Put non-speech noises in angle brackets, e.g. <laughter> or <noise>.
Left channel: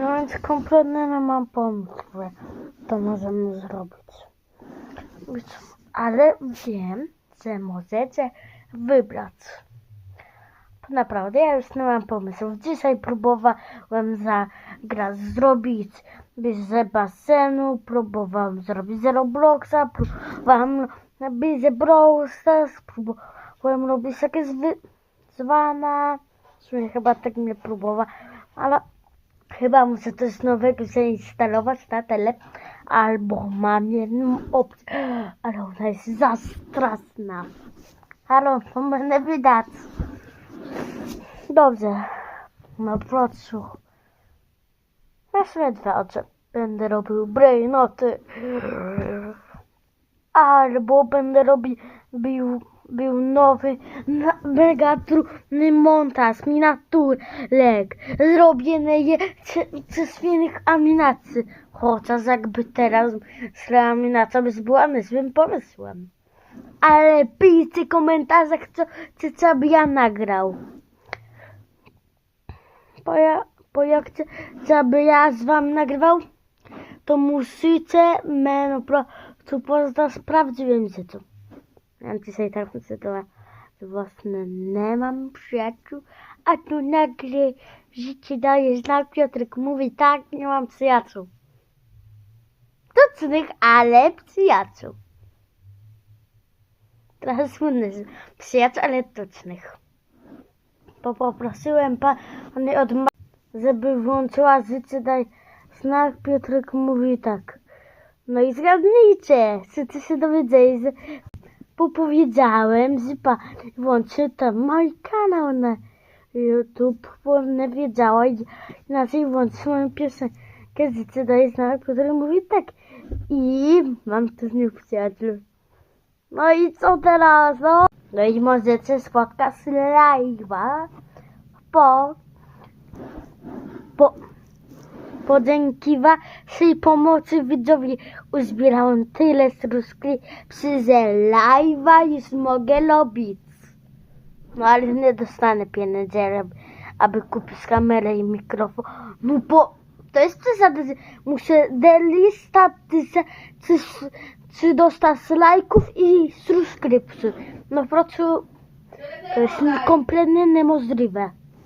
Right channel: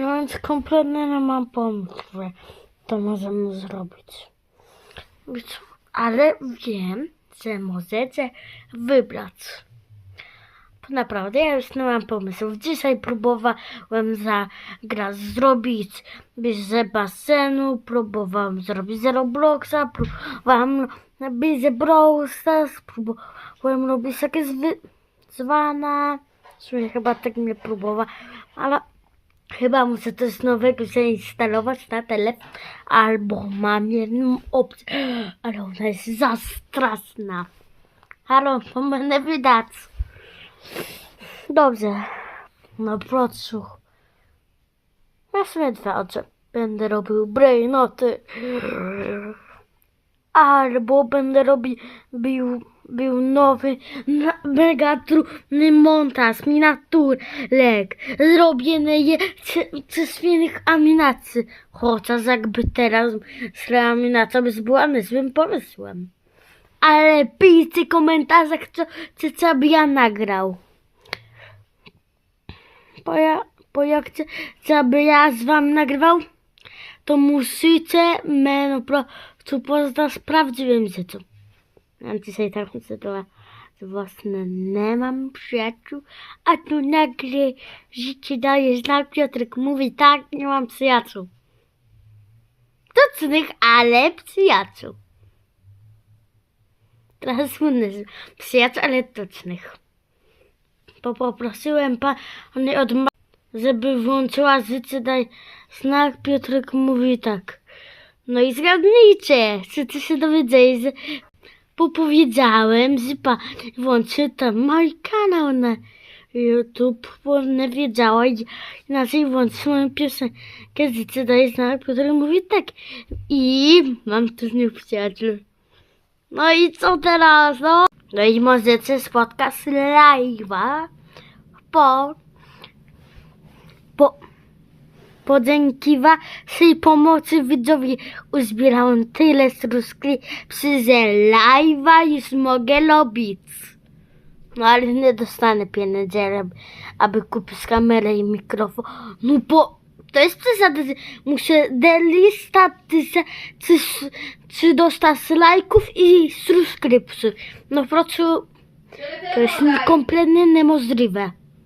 Więc kompletnie nie mam pomysłu, to możemy zrobić. Ale wiem, że możecie wybrać. Naprawdę, ja już nie mam pomysłów. Dzisiaj próbowałem zagrać, zrobić z basenu, próbowałem zrobić z Robloxa, próbowałem robić z Brawl próbowałem robić jakieś wyzwania. W sumie chyba tak nie próbowałem, ale chyba muszę coś nowego zainstalować na telefon, albo mam jedną opcję, <gasps> ale ona jest za straszna. Halo, to będę wydać. Dobrze. No procu. Ja sobie dwa oczy. Będę robił brainoty. Albo będę robił bił nowy, mega trudny montaż, miniaturek. Zrobiony je z- ze świetnych animacji. Chociaż jakby teraz z animacją była niezłym pomysłem. Ale piszcie w komentarzach, co, co, co by ja nagrał. Bo ja, bo jak chcę, co by ja z wami nagrywał, to musicie mnie po prostu poznać prawdziwym życiu. Ja dzisiaj taką sytuację własne nie mam przyjaciół, a tu nagle życie daje znak, Piotrek mówi tak, nie mam przyjaciół. Tucznych, ale przyjaciół. Trochę słynny przyjaciół, ale tucznych. Bo poprosiłem pani od żeby włączyła życie daj znak, Piotrek mówi tak. No i zgadnijcie, czy ty się dowiedzieli, że bo powiedziałem, że pan włączy tam mój kanał na YouTube, bo nie wiedziała i inaczej włączyłem piosenkę Życie daje znak, Piotrek mówi tak. I mam tu nie przyjaciół. No i co teraz, no? No i możecie spotkać live'a po, po, podzięki waszej pomocy widzowie uzbierałem tyle subskrypcji, że live'a już mogę robić. No ale nie dostanę pieniędzy, aby- kupić kamerę i mikrofon. No bo to jest przesada. Muszę delista czy, czy dostać lajków i subskrypcji. No po prostu to jest kompletnie niemożliwe.